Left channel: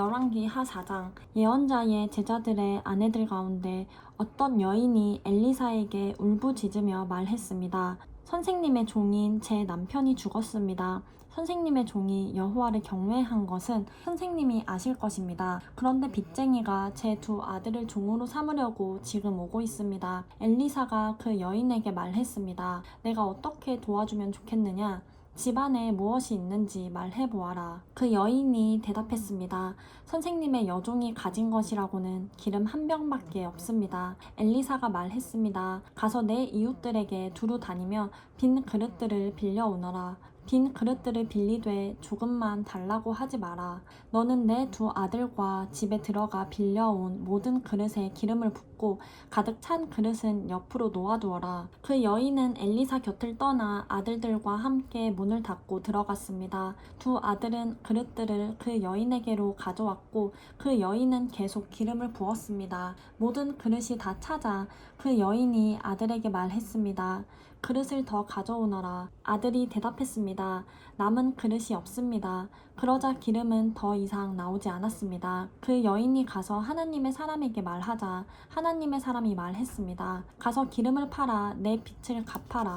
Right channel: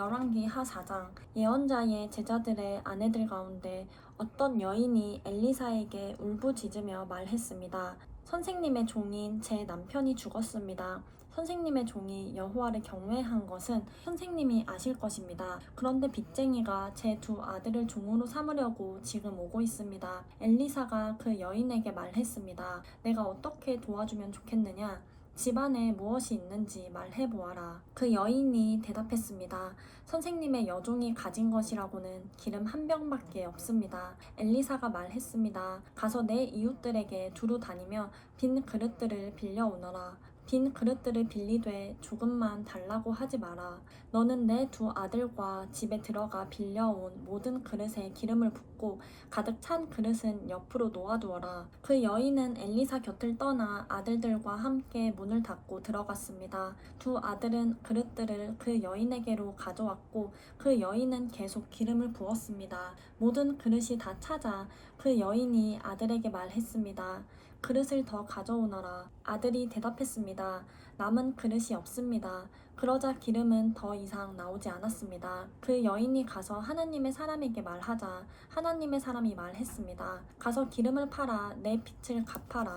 열왕기 하 4장. 예언자의 제자들의 아내들 가운데 어떤 여인이 엘리사에게 울부짖으며 말했습니다. 선생님의 종인 제 남편이 죽었습니다. 선생님의 종이 여호와를 경외한 것은 선생님이 아실 것입니다. 그런데 빚쟁이가 제 두 아들을 종으로 삼으려고 지금 오고 있습니다. 엘리사가 그 여인에게 말했습니다. 내가 어떻게 도와주면 좋겠느냐? 집안에 무엇이 있는지 말해보아라. 그 여인이 대답했습니다. 선생님의 여종이 가진 것이라고는 기름 한 병밖에 없습니다. 엘리사가 말했습니다. 가서 내 이웃들에게 두루 다니며 빈 그릇들을 빌려오너라. 빈 그릇들을 빌리되 조금만 달라고 하지 마라. 너는 내 두 아들과 집에 들어가 빌려온 모든 그릇에 기름을 붓고 가득 찬 그릇은 옆으로 놓아두어라. 그 여인은 엘리사 곁을 떠나 아들들과 함께 문을 닫고 들어갔습니다. 두 아들은 그릇들을 그 여인에게로 가져왔고 그 여인은 계속 기름을 부었습니다. 모든 그릇이 다 차자 그 여인이 아들에게 말했습니다. 그릇을 더 가져오너라. 아들이 대답했습니다. 남은 그릇이 없습니다. 그러자 기름은 더 이상 나오지 않았습니다. 그 여인이 가서 하나님의 사람에게 말하자 하나님의 사람이 말했습니다. 가서 기름을 팔아 내 빚을 갚아라.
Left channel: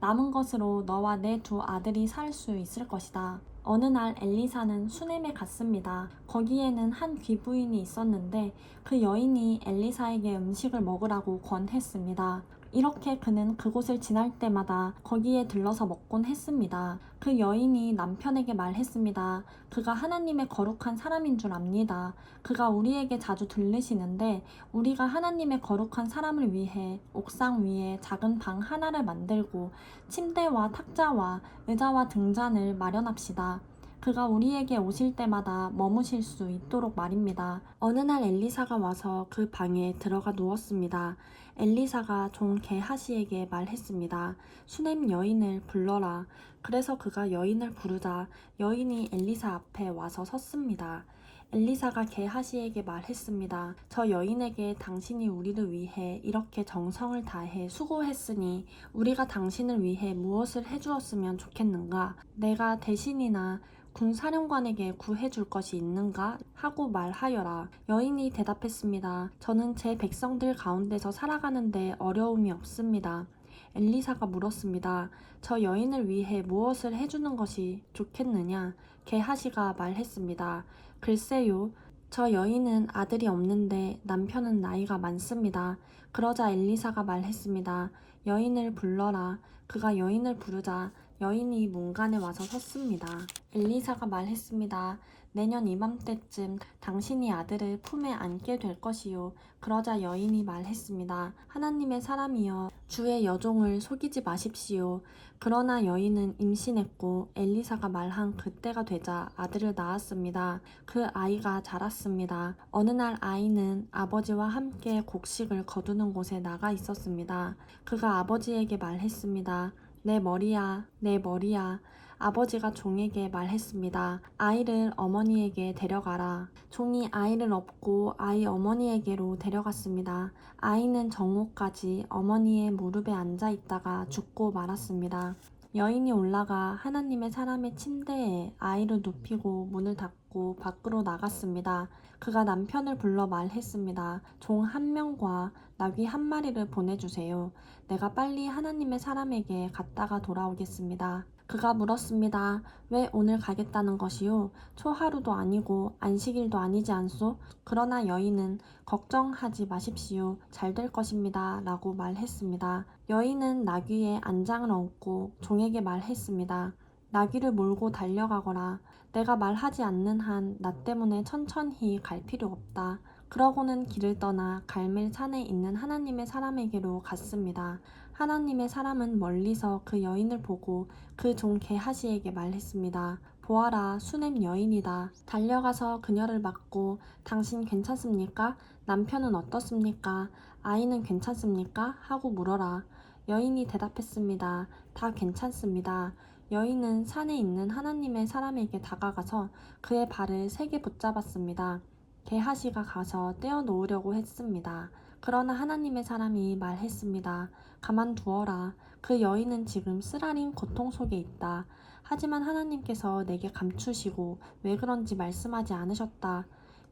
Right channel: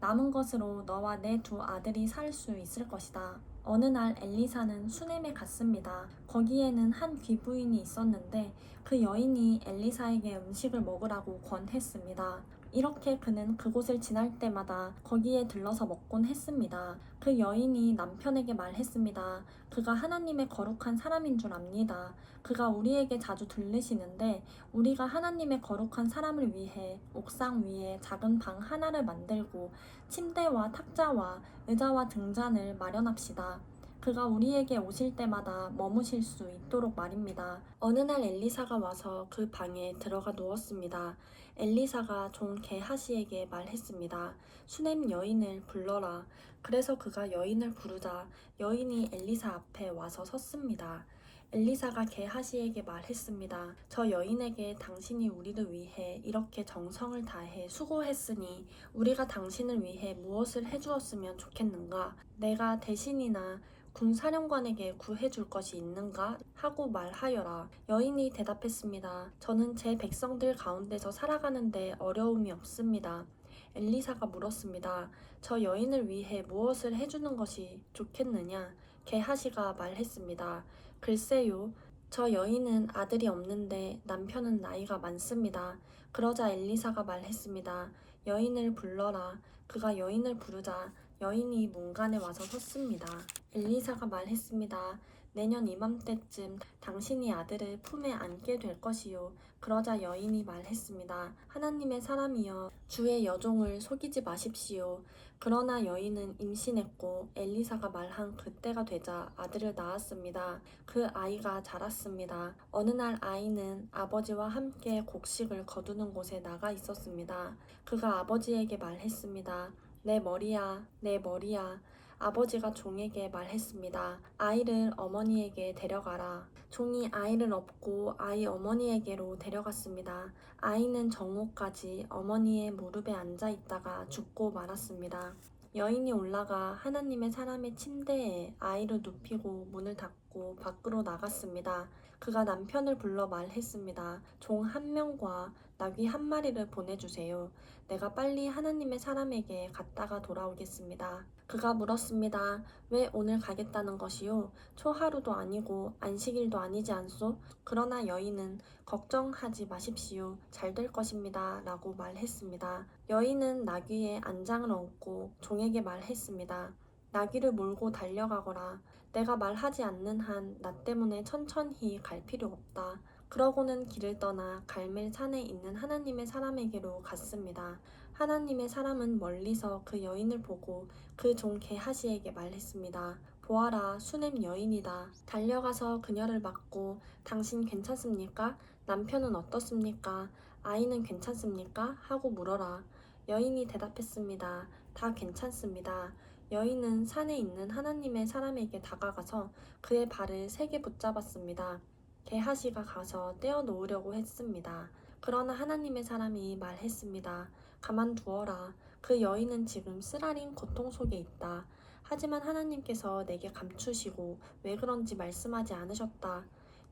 남은 것으로 너와 내 두 아들이 살 수 있을 것이다. 어느 날 엘리사는 수넴에 갔습니다. 거기에는 한 귀부인이 있었는데 그 여인이 엘리사에게 음식을 먹으라고 권했습니다. 이렇게 그는 그곳을 지날 때마다 거기에 들러서 먹곤 했습니다. 그 여인이 남편에게 말했습니다. 그가 하나님의 거룩한 사람인 줄 압니다. 그가 우리에게 자주 들르시는데 우리가 하나님의 거룩한 사람을 위해 옥상 위에 작은 방 하나를 만들고 침대와 탁자와 의자와 등잔을 마련합시다. 그가 우리에게 오실 때마다 머무실 수 있도록 말입니다. 어느 날 엘리사가 와서 그 방에 들어가 누웠습니다. 엘리사가 종 게하시에게 말했습니다. 수넴 여인을 불러라. 그래서 그가 여인을 부르자 여인이 엘리사 앞에 와서 섰습니다. 엘리사가 게하시에게 말했습니다. 저 여인에게 당신이 우리를 위해 이렇게 정성을 다해 수고했으니 우리가 당신을 위해 무엇을 해주었으면 좋겠는가? 내가 대신이나 군사령관에게 구해줄 것이 있는가? 하고 말하여라. 여인이 대답했습니다. 저는 제 백성들 가운데서 살아가는데 어려움이 없습니다. 엘리사가 물었습니다. 저 여인을 위해 무엇을 해주는 것이 좋겠느냐? 게하시가 말했습니다. 글쎄요. 저 여인은 아들이 없는데 남편은 나이가 많습니다. 그러자 엘리사가 말했습니다. 여인을 불러라. 그가 여인을 부르자 여인이 문간에 와서 섰습니다. 엘리사가 말했습니다. 내년 이맘때쯤 당신이 아들을 품에 안게 될 것이요. 그러자 여인이 말했습니다. 하나님의 사람이여 주의 여종을 속이지 마십시오. 그러나 여인은 임신했고 엘리사가 말한 그때가 되자 아들을 낳았습니다. 그 아이가 자랐습니다. 어느 날 아이는 아버지와 함께 곡식을 거두는 곳에 나가 있었습니다. 그가 아버지에게 말했습니다. 내 머리야, 내 머리야. 아버지가 종에게 말했습니다. 아이를 어머니에게 데려가라. 종이 아이를 업고 아이 어머니에게로 데려갔습니다. 아이는 정오까지 어머니의 무릎에 앉아 있다가 죽고 말았습니다. 여인이 올라가 하나님의 사람의 침대에 아이를 눕히고 문을 닫고 밖으로 나갔습니다. 그가 남편을 불러 말했습니다. 종 한 명과 나귀 한 마리를 보내주세요. 내가 빨리 하나님의 사람에게 갔다가 돌아오겠습니다. 그가 물었습니다. 왜 오늘 가겠다는 것이요? 초하루도 아니고 안식일도 아니지 않소? 그러나 여인은 걱정하지 마십시오. 잘 될 것입니다. 라고 말했습니다. 여인은 나귀에 안장을 얹고 종에게 말했습니다. 나귀를 몰고 달려가거라. 내가 말하지 않는 한 나 때문에 천천히 갈 필요 없다. 그러고는 길을 떠나 갈멜 산에 있는 하나님의 사람에게로 갔습니다. 하나님의 사람은 멀리서 그 여인을 보고 그 종 게하시에게 말했습니다. 보아라, 수넴 여인이다. 달려가서 그녀를 맞고 당신 괜찮습니까? 남편은 어떻습니까? 아이는 괜찮습니까? 하고 물어라. 여인이 대답했습니다. 다 괜찮습니다. 여인은 산에 있는 하나님의 사람에게 다가가서 그의 발을 세게 붙잡았습니다. 게하시가 가서 떼어 놓으려고 했습니다. 그러나 하나님의 사람이 말했습니다. 가만두어라. 그 여인은 지금 쓰라린 고통 속에 있다. 하지만 하나님께서 내게 감추시고 왜 그런지 말씀하지 않으셨다.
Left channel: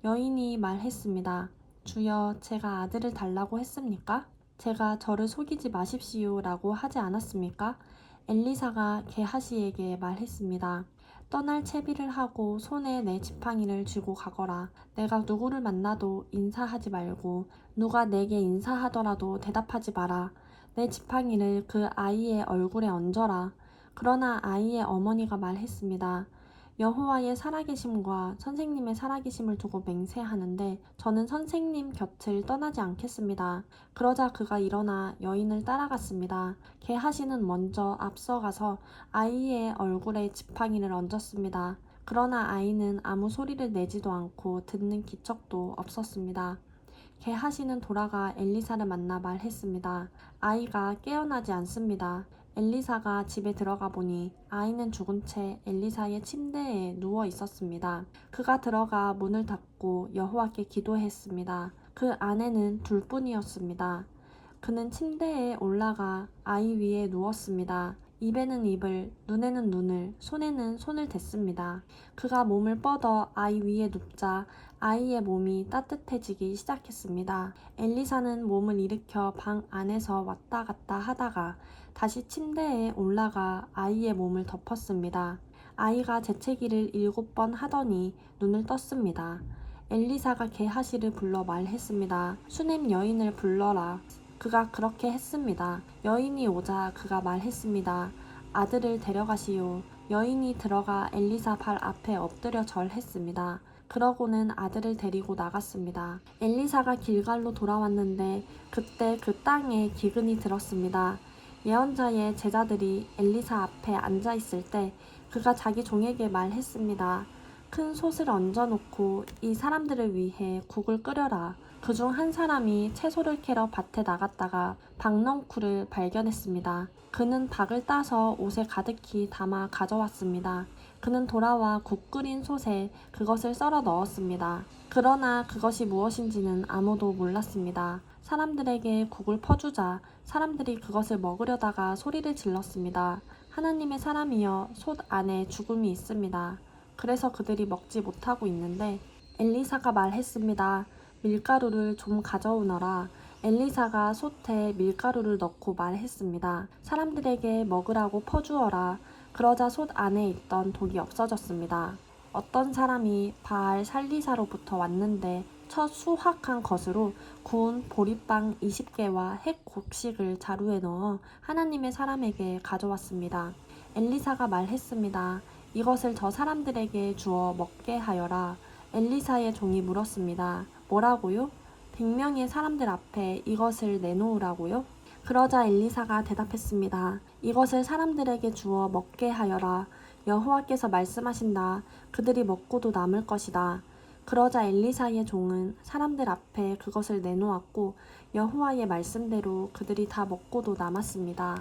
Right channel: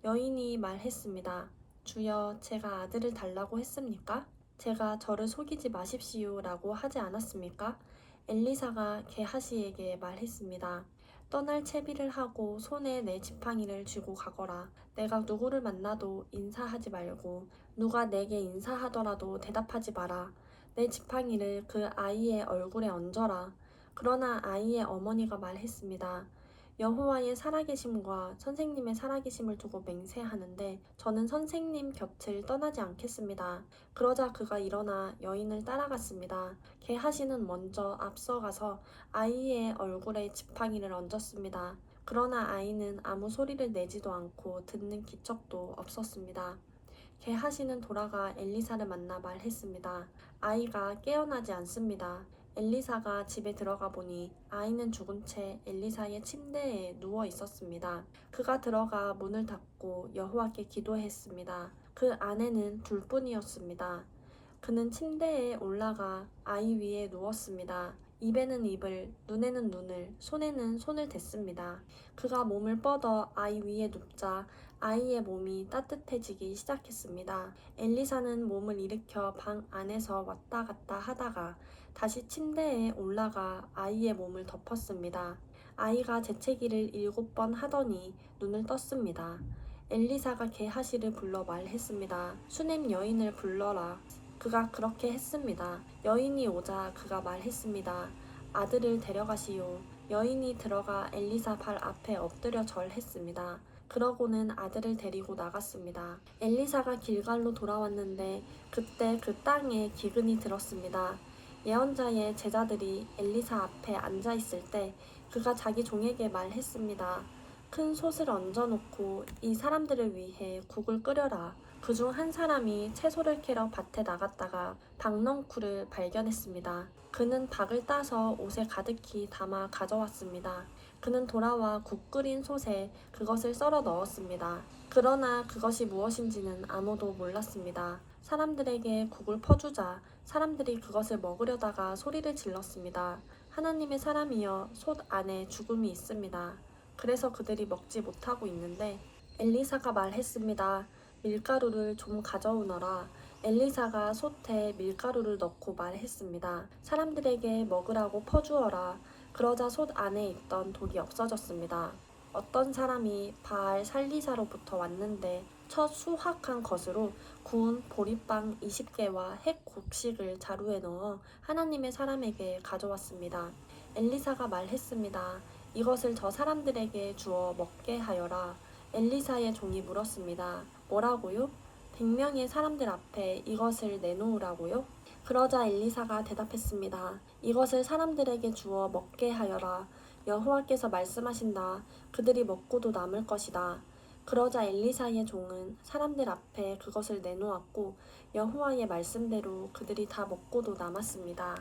여인이 말했습니다. 주여, 제가 아들을 달라고 했습니까? 제가 저를 속이지 마십시오 라고 하지 않았습니까? 엘리사가 게하시에게 말했습니다. 떠날 채비를 하고 손에 내 지팡이를 쥐고 가거라. 내가 누구를 만나도 인사하지 말고 누가 내게 인사하더라도 대답하지 마라. 내 지팡이를 그 아이의 얼굴에 얹어라. 그러나 아이의 어머니가 말했습니다. 여호와의 살아계심과 선생님의 살아계심을 두고 맹세하는데 저는 선생님 곁을 떠나지 않겠습니다. 그러자 그가 일어나 여인을 따라갔습니다. 게하시는 먼저 앞서가서 아이의 얼굴에 지팡이를 얹었습니다. 그러나 아이는 아무 소리를 내지도 않고 듣는 기척도 없었습니다. 게하시는 돌아가 엘리사를 만나 말했습니다. 아이가 깨어나지 않습니다. 엘리사가 집에 들어가 보니 아이는 죽은 채 엘리사의 침대에 누워 있었습니다. 그가 들어가 문을 닫고 여호와께 기도했습니다. 그 아내는 둘뿐이었습니다. 그는 침대에 올라가 아이 위에 누웠습니다. 입에는 입을, 눈에는 눈을, 손에는 손을 댔습니다. 그가 몸을 뻗어 아이 위에 눕자 아이의 몸이 따뜻해지기 시작했습니다. 엘리사는 몸을 일으켜 방 안에서 왔다 갔다 하다가 다시 침대에 올라가 아이의 몸을 덮었습니다. 아이가 재채기를 7번 하더니 눈을 떴습니다. 엘리사가 게하시를 불러 말했습니다. 수넴 여인을 불러라. 그가 그렇게 했습니다. 여인이 오자 그가 말했습니다. 아들을 데려가시오. 여인이 들어가 엘리사 발 앞에 엎드려 절했습니다. 그러고는 아들을 데리고 나갔습니다. 엘리사가 길갈로 돌아왔는데 그때 그 땅에 기근이 들었습니다. 예언자의 제자들이 엘리사 앞에 앉아 있을 때 그가 자기 종에게 말했습니다. 큰 솥을 얹어놓고 이 사람들을 위해 국을 끓여라. 그중 한 사람이 채소를 캐러 밭에 나갔다가 박넝쿨을 발견했습니다. 그는 박을 따서 옷에 가득히 담아 가져왔습니다. 그는 돌아와 국 끓인 솥에 그것을 썰어 넣었습니다. 그러나 그것이 무엇인지는 아무도 몰랐습니다. 사람들에게 국을 퍼주자 사람들이 그것을 먹으려다가 소리를 질렀습니다. 하나님의 사람이여, 솥 안에 죽음이 있습니다. 그래서 그들이 먹지 못하고 있는데 엘리사가 말했습니다. 밀가루를 좀 가져오너라. 엘리사가 솥에 밀가루를 넣고 말했습니다. 사람들에게 먹으라고 퍼주어라. 그러자 솥 안에 있던 독이 없어졌습니다. 어떤 사람이 바알 살리사로부터 왔는데 첫 수확한 것으로 구운 보리빵 20개와 핵 곡식을 자루에 넣어 하나님의 사람에게 가져왔습니다. 엘리사가 말했습니다. 이것을 저 사람들에게 주어 먹게 하여라. 엘리사의 종이 물었습니다. 뭐라고요? 100명의 사람들 앞에 이것을 내놓으라고요? 그러자 엘리사가 대답했습니다. 이것을 사람들에게 주어 먹게 하여라. 여호와께서 말씀하신다. 그들이 먹고도 남을 것이다. 그러자 엘리사의 종은 사람들 앞에 그것을 내놓았고 여호와의 말씀대로 그들이 다 먹고도 남았습니다.